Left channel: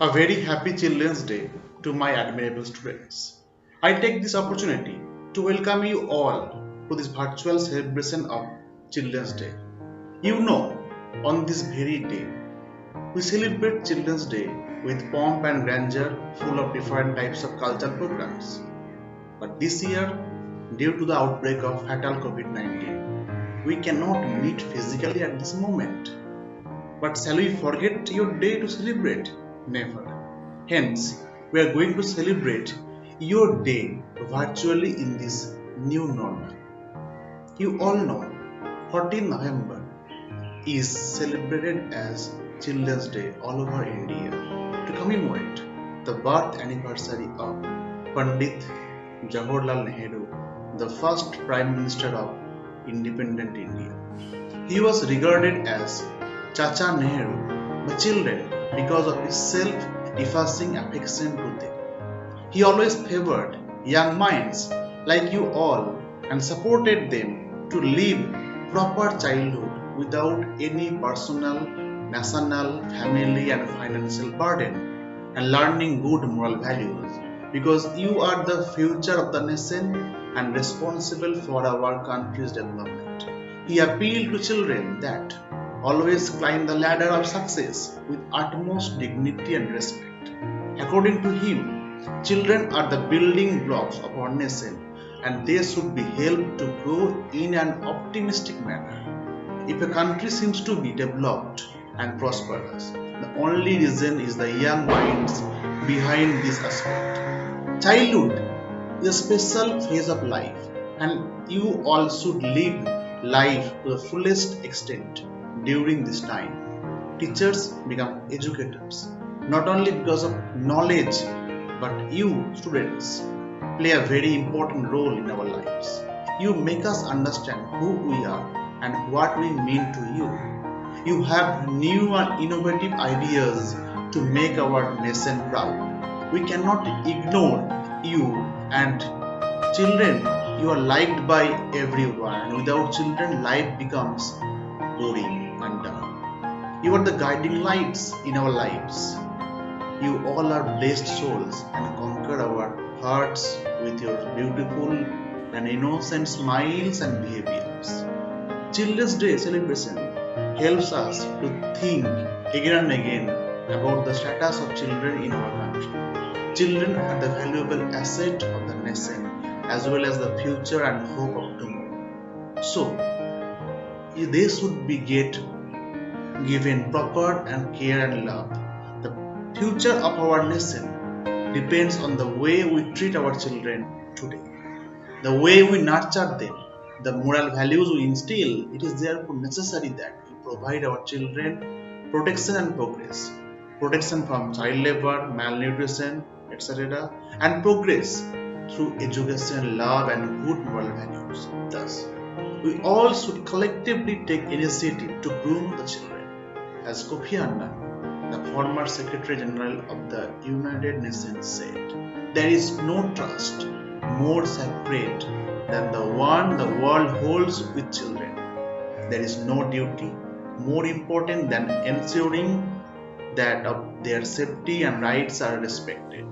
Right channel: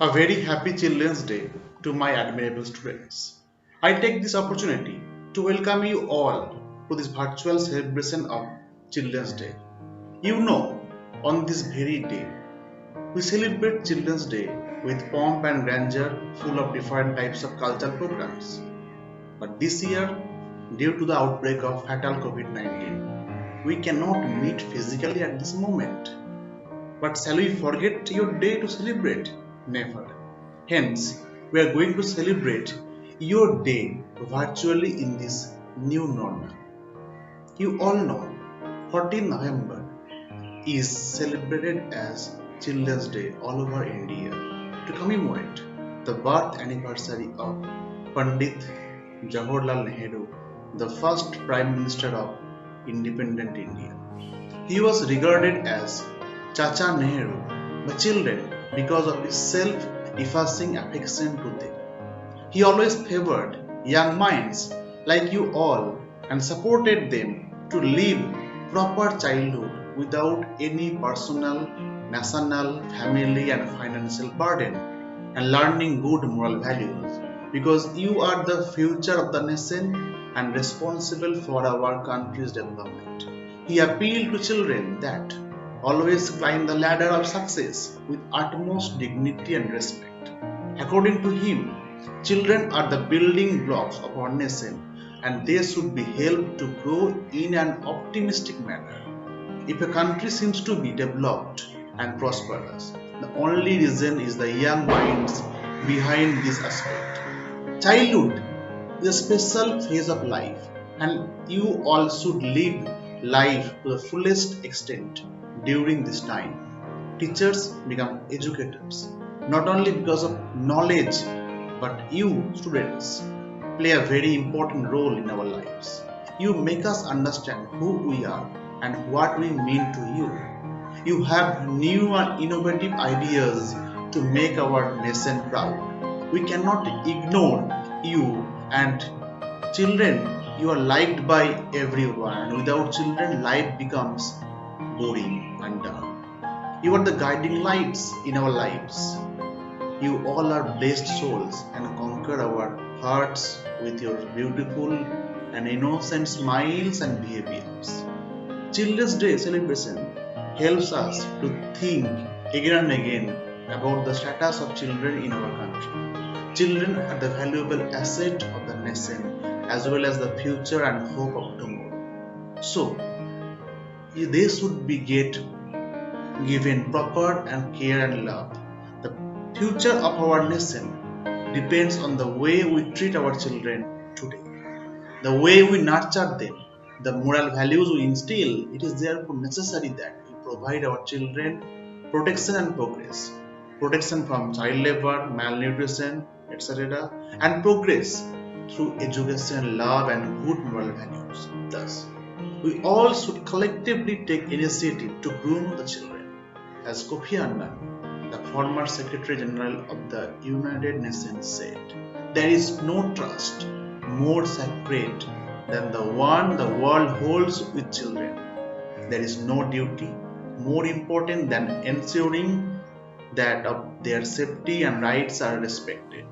A very happy Children's Day to my admirable students. I take this opportunity to welcome you all to this virtual celebration of Children's Day. You know, on this very day, we celebrate Children's Day with pomp and grandeur full of different types of cultural programs. But this year, due to the outbreak of fatal COVID-19, we cannot meet physically at this moment. But shall we forget your day to celebrate? Never. Hence, we are going to celebrate your day virtually in this new normal. You all know 14 November is celebrated as Children's Day all over India to commemorate the birth anniversary of Pandit Jawaharlal Nehru, the first Prime Minister of independent India. He was regarded as Chacha Nehru by children because of his self-effacing affection to them. He always favored young minds like you all and supported them to live proper childhood without any personal, national, family and financial burden and learning good moral values because you are the future of the nation and responsible for our country's development. He appealed to children that always climb the ladder of success with utmost dignity and respect. According to him, children are the building blocks of our nation and they should be helped to grow in an optimistic manner. If a country seems to be developed and prosperous, the only reason is the young minds behind this aspect. Childhood is a special phase of life and you all should live life to the fullest extent during this time. Teachers become educators not only because of knowledge but you students play a very important role in our lives. You make us understand who we are and what we mean to you. You have new and innovative ideas to make our nation proud. We cannot ignore you and children. You are liked by everyone and without children life becomes boring and dull. You are the guiding lights in our lives. You all are blessed souls and conquer our hearts with your beautiful and innocent smiles and behaviors. Children's Day celebration helps us to think again and again about the status of children in our country. Children are the valuable asset of the nation as well as the future and hope of tomorrow. So, they should be given proper and care and love. The future of our nation depends on the way we treat our children today, the way we nurture them, the moral values we instill. It is therefore necessary that we provide our children protection and progress, protection from child labor, malnutrition, etc., and progress through education, love, and good moral values. Thus, we all should collectively take initiative to groom the children. As Kofi Annan, the former Secretary General of the United Nations, said, there is no trust more sacred than the one the world holds with children. There is no duty more important than ensuring that their safety and rights are respected,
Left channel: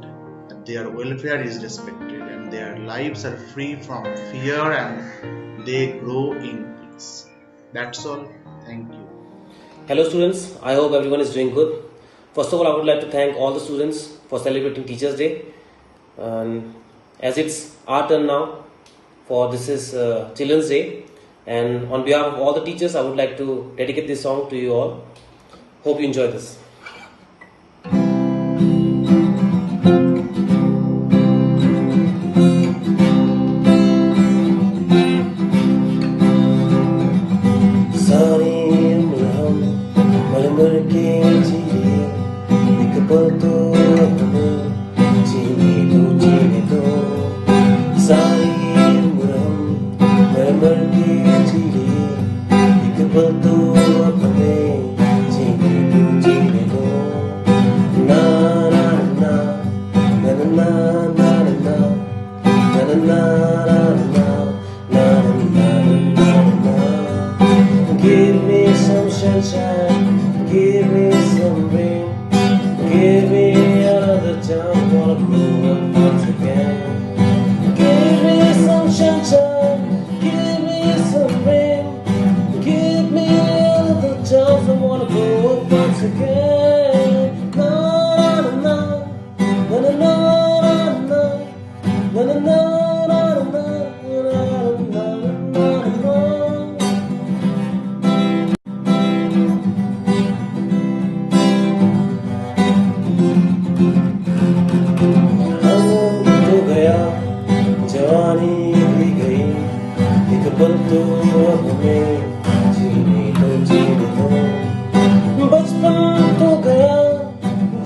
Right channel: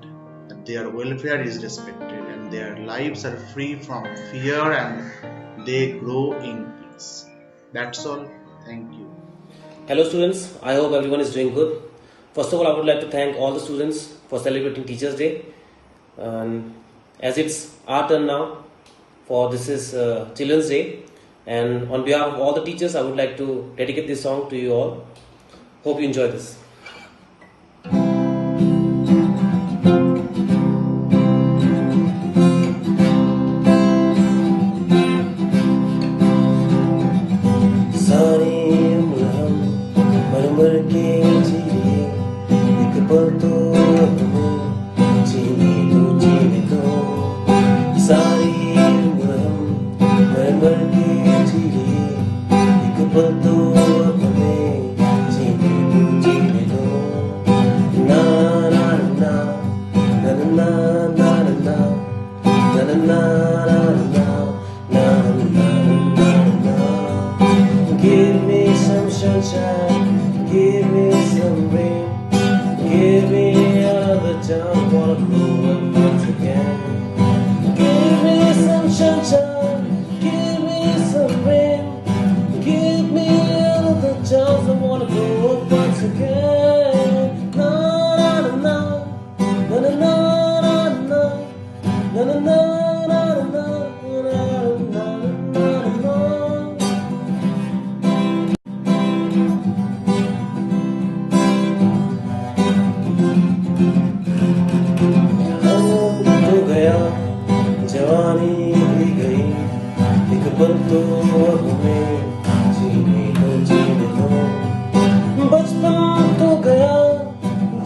that their welfare is respected, and their lives are free from fear and they grow in peace. That's all. Thank you. Hello students, I hope everyone is doing good. First of all, I would like to thank all the students for celebrating Teachers Day. As it's our turn now for this is Children's Day, and on behalf of all the teachers, I would like to dedicate this song to you all. Hope you enjoy this. Betul,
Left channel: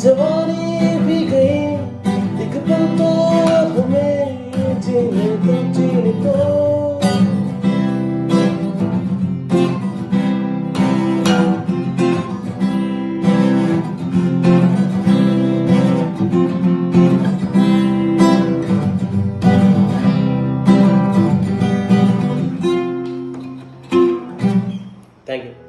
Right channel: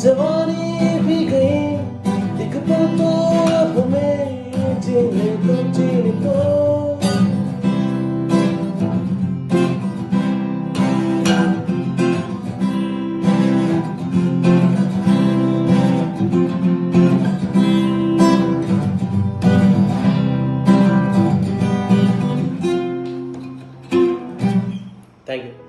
जवानी भी गई एक पल तो हमें जीने को Thank you.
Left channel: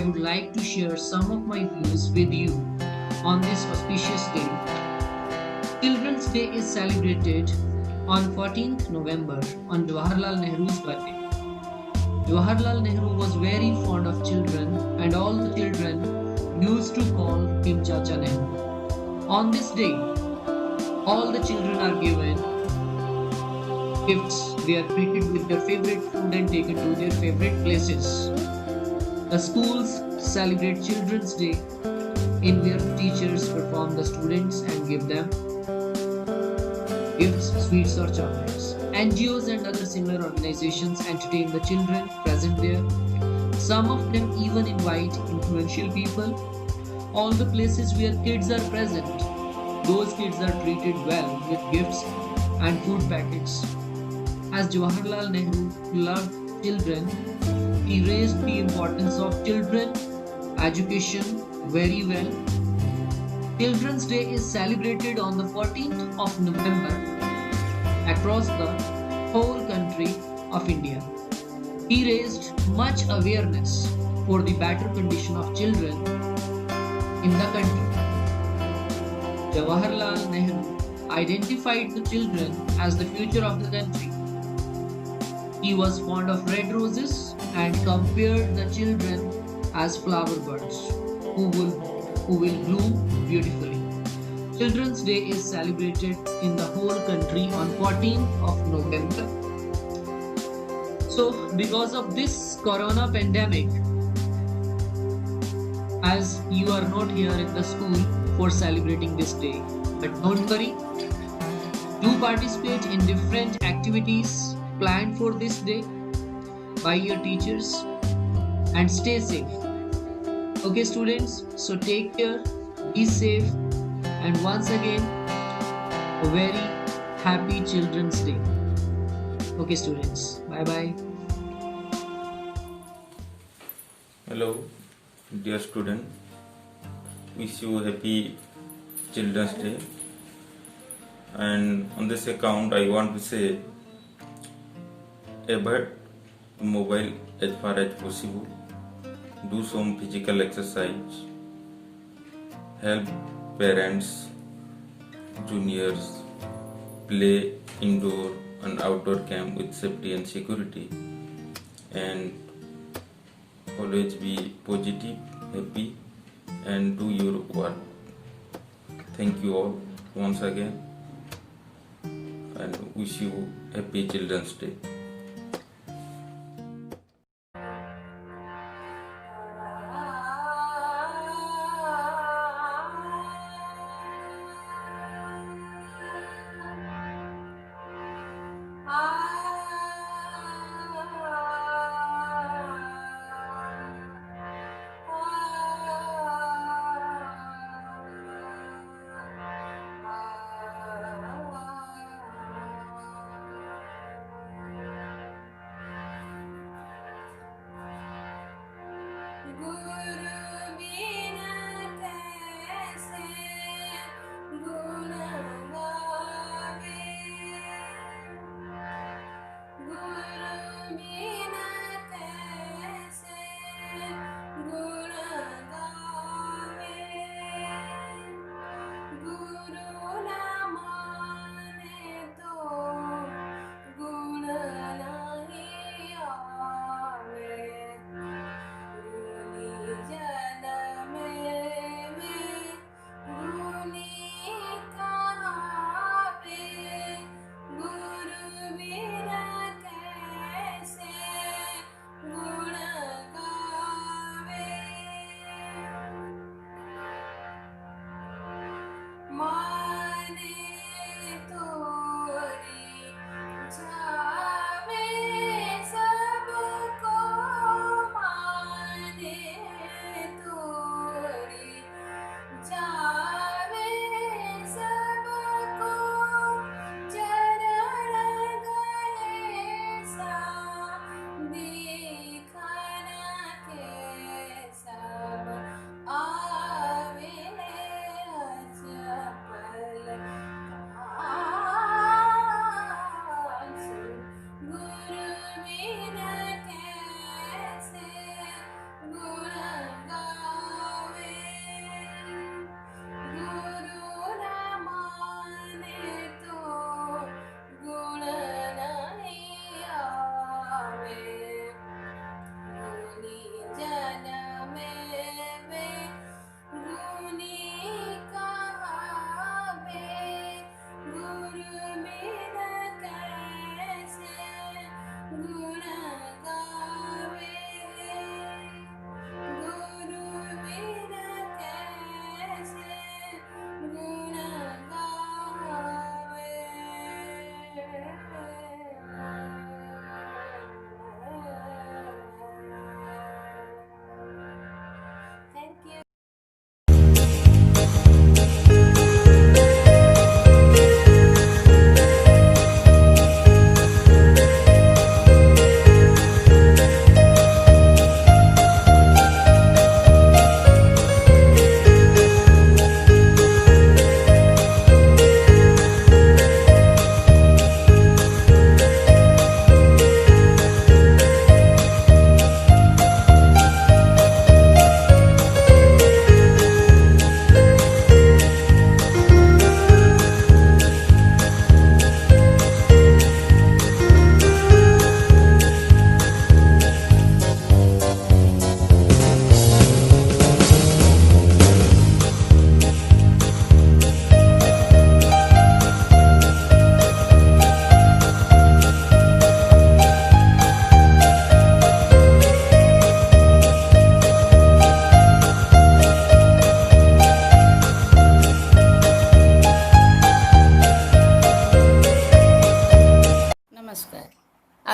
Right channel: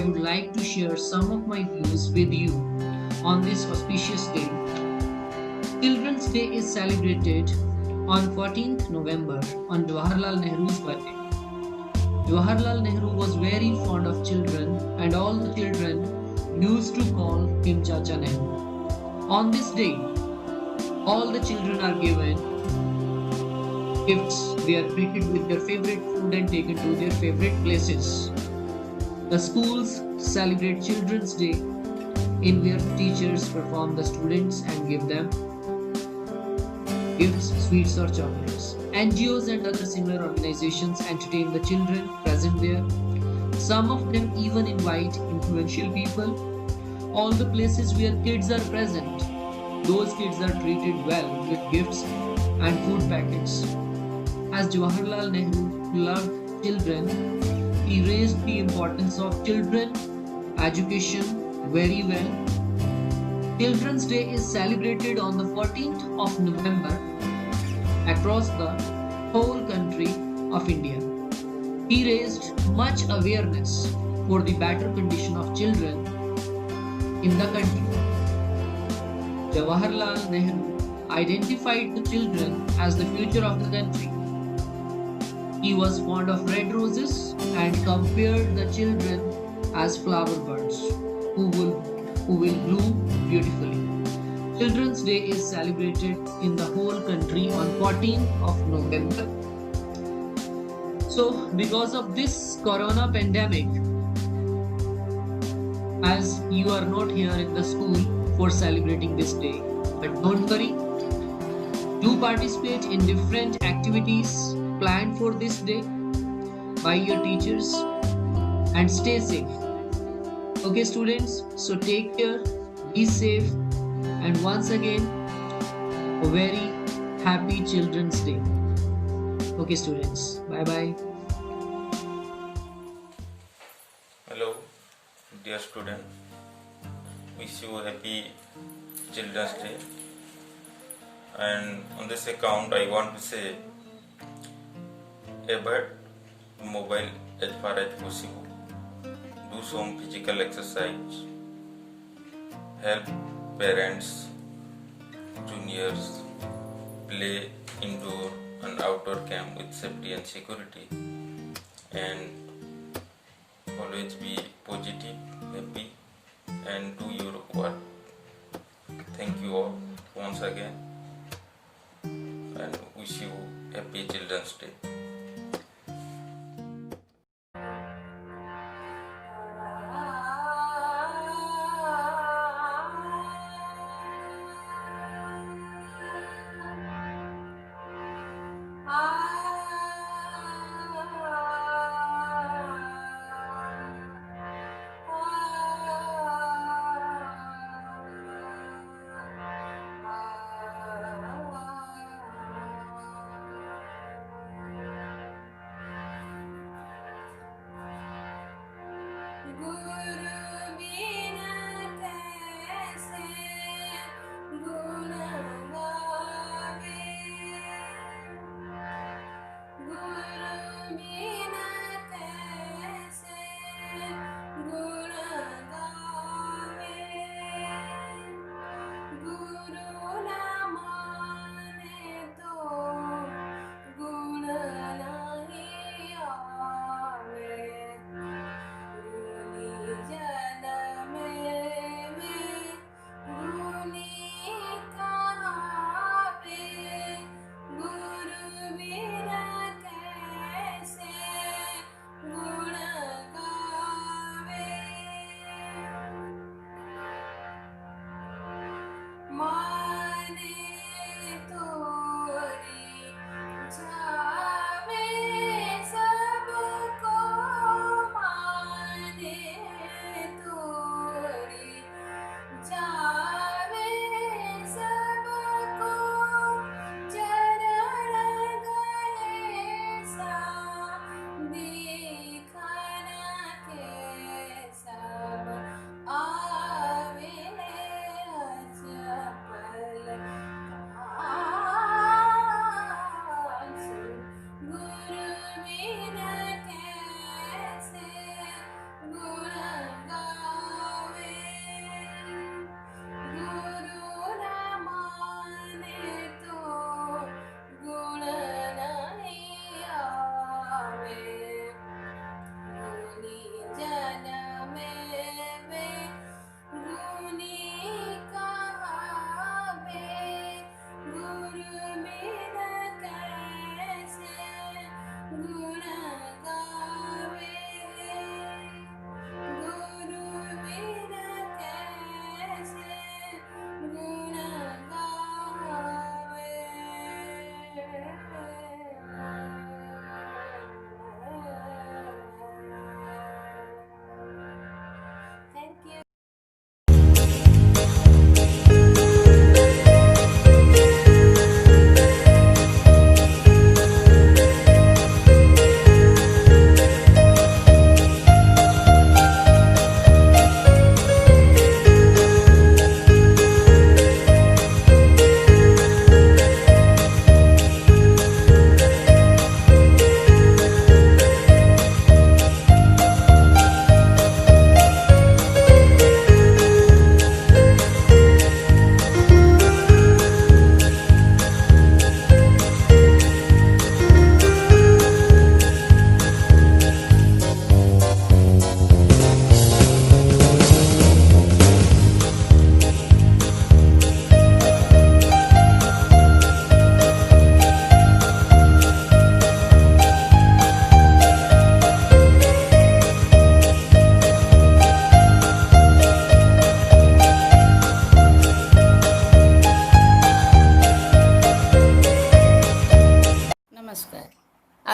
I would like to share some of my views with you on this auspicious day. Children's Day is celebrated on 14th November on Jawaharlal Nehru's birthday. Jawaharlal Nehru was very fond of children and all the children used to call him Chacha Nehru. On this day, all the children are given gifts, they are treated with their favorite food and taken to their favorite places. The schools celebrate Children's Day in where teachers perform the students and give them gifts, sweets or chocolates. NGOs and other similar organizations entertain the children present there. Some of them even invite influential people. All the places where kids are present, those kids are treated well with gifts and food packets. As Jawaharlal Nehru loved children, he raised the importance of children education very well. Children's Day is celebrated on the 14th of November across the whole country of India. He raised much awareness for the better condition of children in the country. Jawaharlal Nehru identified the children as the future of the country. He was fond of red roses and compared the children as flower birds who will bloom beautifully. Children's Day is celebrated in the whole country on 14th of November. So, because of this corona pandemic, as you are not here in the school for celebrating this day, but don't worry, do participate in different activities planned for this day by your teachers and stay safe. Okay, students, so take care, be safe, and once again, a very happy Children's Day. Okay, students, bye bye. Hello, dear student. Wish you happy Children's Day. And on this account, I want to say, avoid mobile as far as possible. Do some physical exercise. Help parents, juniors play indoor and outdoor camp with safety and security. And always be positive, happy, and do your work. Thank you all once again, and wish you happy Children's Day.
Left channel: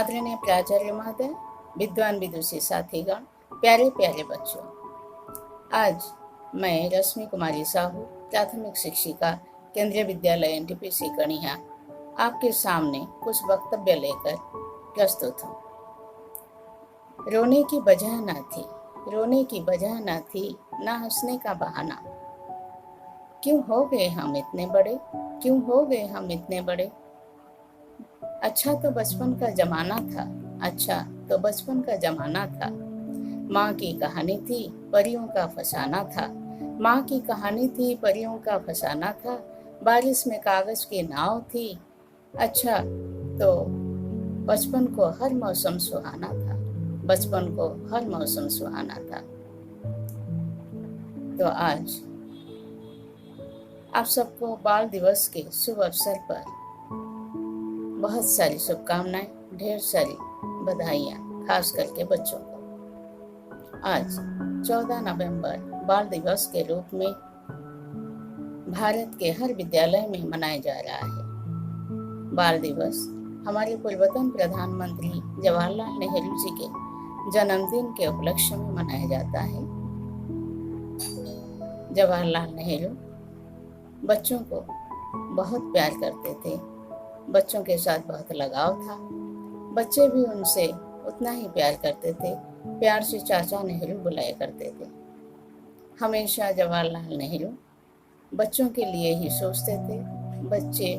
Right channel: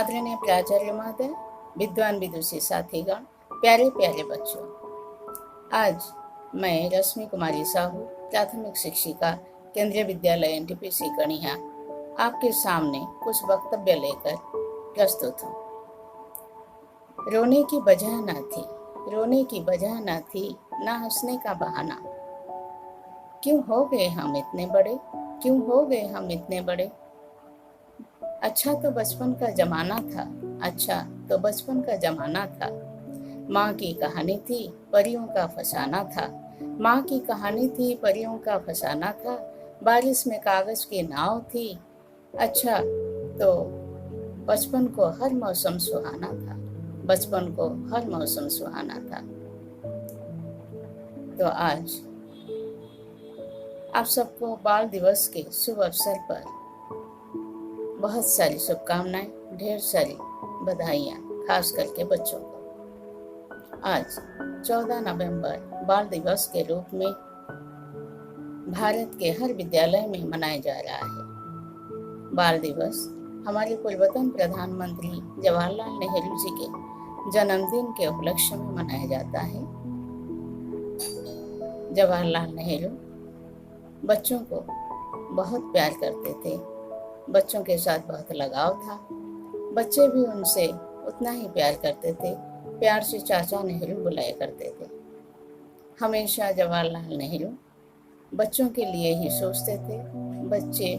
आदरणीय प्राचार्य महोदय, विद्वान विदुषी साथीगण, प्यारे प्यारे बच्चों, आज मैं रश्मि कुमारी साहू, प्राथमिक शिक्षिका, केंद्रीय विद्यालय NTPC कणिया, आपके सामने कुछ वक्तव्य लेकर प्रस्तुत हूँ। रोने की वजह न थी, रोने की वजह न थी, ना हंसने का बहाना। क्यों हो गए हम इतने बड़े, क्यों हो गए हम इतने बड़े। अच्छा तो बचपन का जमाना था, अच्छा तो बचपन का जमाना था। माँ की कहानी थी, परियों का फसाना था। माँ की कहानी थी, परियों का फसाना था। बारिश में कागज की नाव थी। अच्छा तो बचपन को हर मौसम सुहाना था, बचपन को हर मौसम सुहाना था। तो आज आप सबको बाल दिवस के शुभ अवसर पर बहुत सारी शुभकामनाएं, ढेर सारी बधाइयाँ, खास करके बच्चों को। आज 14 नवंबर बाल दिवस के रूप में भारत के हर विद्यालय में मनाया जा रहा है। बाल दिवस हमारे पूर्वतन प्रधानमंत्री जवाहरलाल नेहरू जी के जन्मदिन के उपलक्ष्य में मनाया जाता है। जवाहरलाल नेहरू बच्चों को बहुत प्यार करते थे, बच्चों के साथ बहुत लगाव था। बच्चे भी उनसे उतना ही प्यार करते थे, प्यार से चाचा नेहरू बुलाया करते थे। हमेशा जवाहरलाल नेहरू बच्चों के लिए ही सोचते थे। बच्चे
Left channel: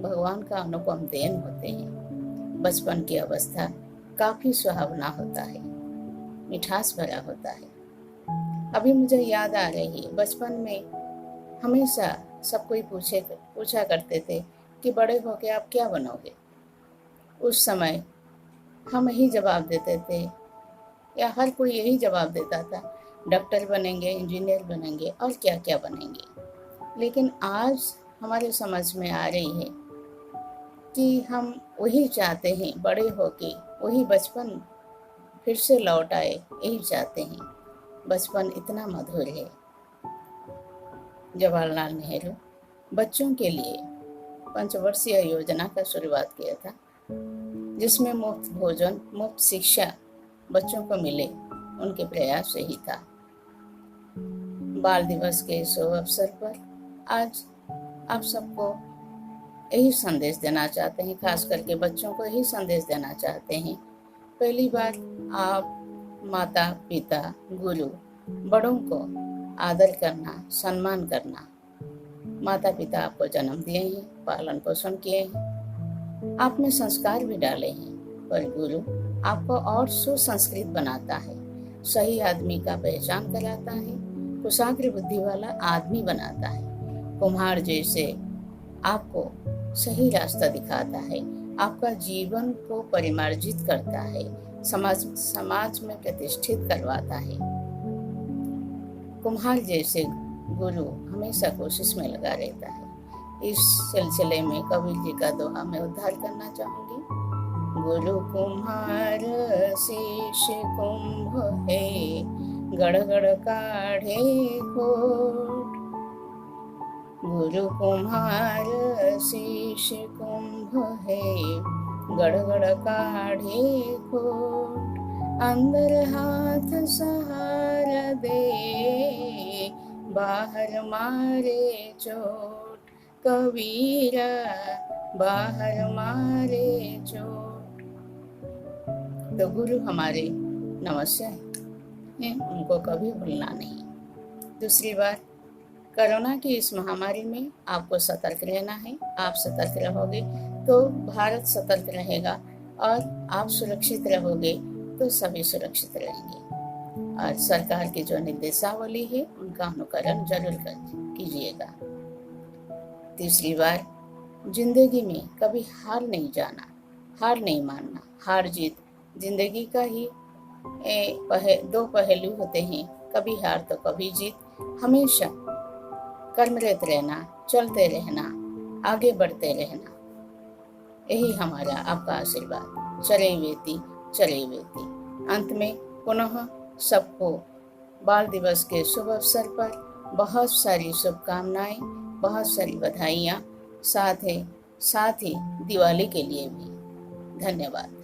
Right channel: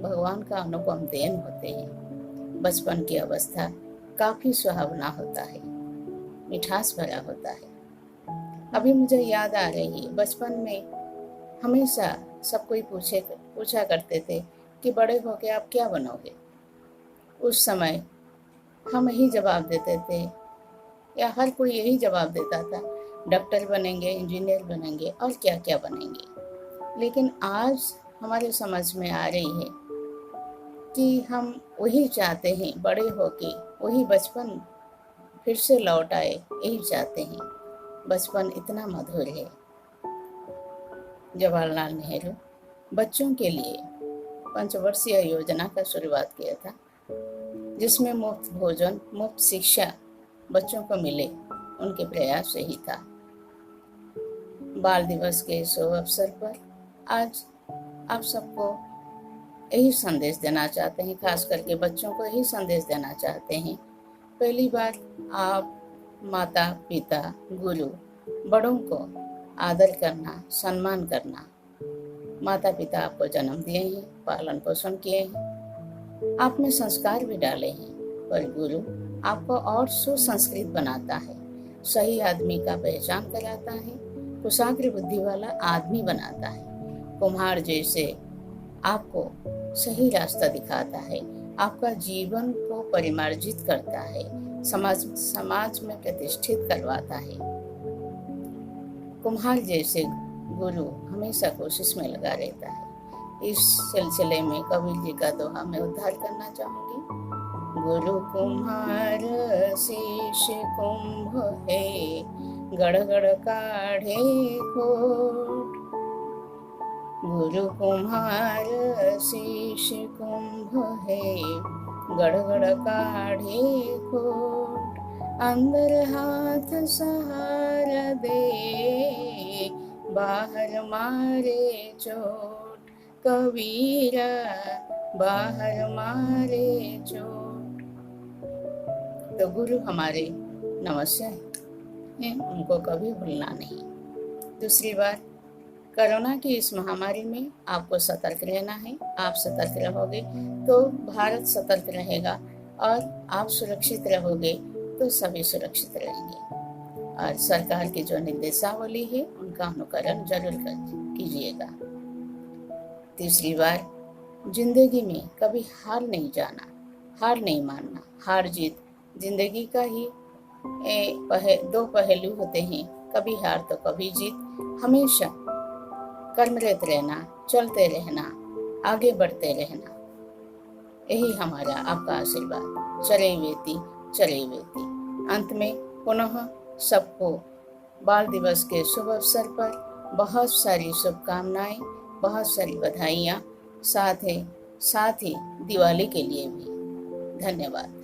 भगवान का अनुपम देन होते हैं। बचपन की अवस्था काफ़ी सुहावना होता है, मिठास भरा होता है। अभी मुझे याद आ रही है, बचपन में हमेशा सब कोई पूछा करते थे कि बड़े होके आप क्या बनोगे। उस समय हम यही जवाब देते थे, या हर कोई यही जवाब देता था, डॉक्टर बनेंगे, इंजीनियर बनेंगे और क्या क्या बनेंगे। लेकिन आज हमारे समझ में आ रही है कि हम वही चाहते हैं, बड़े होके वही बचपन फिर से लौट आए, यही चाहते हैं। बचपन इतना मधुर है। जवाहरलाल नेहरू बच्चों के लिए पंचवर्षीय योजना का शुरुआत किया था, जिसमें मुफ्त भोजन, मुफ्त शिक्षा बच्चों को मिले, उनके प्रयास से ही था। बाल दिवस के शुभ अवसर पर आज आप सबको यही संदेश देना चाहते हैं, खास करके बच्चों को यही संदेश देना चाहते हैं। पहली बार आप माता पिता, गुरु, बड़ों को आदर करना, सम्मान करना। माता पिता आपको जन्म दिए हैं, पालन पोषण किए हैं, आप में संस्कार भी डाले हैं, पर गुरु आपको और सुसंस्कृत बनाता है, सही आदमी का पहचान कराता है, कुशाग्र बुद्धि वाला आदमी बनाता है, कुम्हार जैसे आपको सही रास्ता दिखाता है, आपका जीवन को परिमार्जित करता है, समाज में प्रतिष्ठित करवाता है। कुम्हार जैसे गुरु हमेशा कोशिश में लगा रहता है। इस सिलसिले में कबीर जी का दोहा मैं उद्धार करना चाहूंगी। गुरु कुम्हार शीश कुंभ है, गड़ गड़ काढ़े खोट। गुरु कुम्हार शीश कुंभ है, गड़ गड़ काढ़े खोट। अंदर हाथ सहारा दे, बाहर मारे चोट। कबीरा बाहर मारे चोट। तो गुरु हमारे नमस्य हैं, उनको कभी भूलना नहीं। दूसरी बात, कोरोना की इस महामारी में आपको सतर्क रहना है। आप सतर्क रहोगे तो भारत सतर्क रहेगा, और आप सुरक्षित रहोगे तो सभी सुरक्षित रहेंगे। और सरकार की जो निर्देशावली है उनका अनुकरण जरूर कीजिएगा। तीसरी बार, जिंदगी में कभी हार नहीं जाना, हार नहीं मानना। हार जीत जिंदगी का ही दो पहलू होते हैं, कभी हार तो कभी जीत। हमेशा कर्मरत रहना, चलते रहना, आगे बढ़ते रहना, यही हमारा आपका आशीर्वाद। चले वेती चले वेती। अंत में पुनः सबको बाल दिवस के शुभ अवसर पर बहुत सारी शुभकामनाएं, बहुत सारी बधाइयाँ, साथ ही दिवाली के लिए भी धन्यवाद।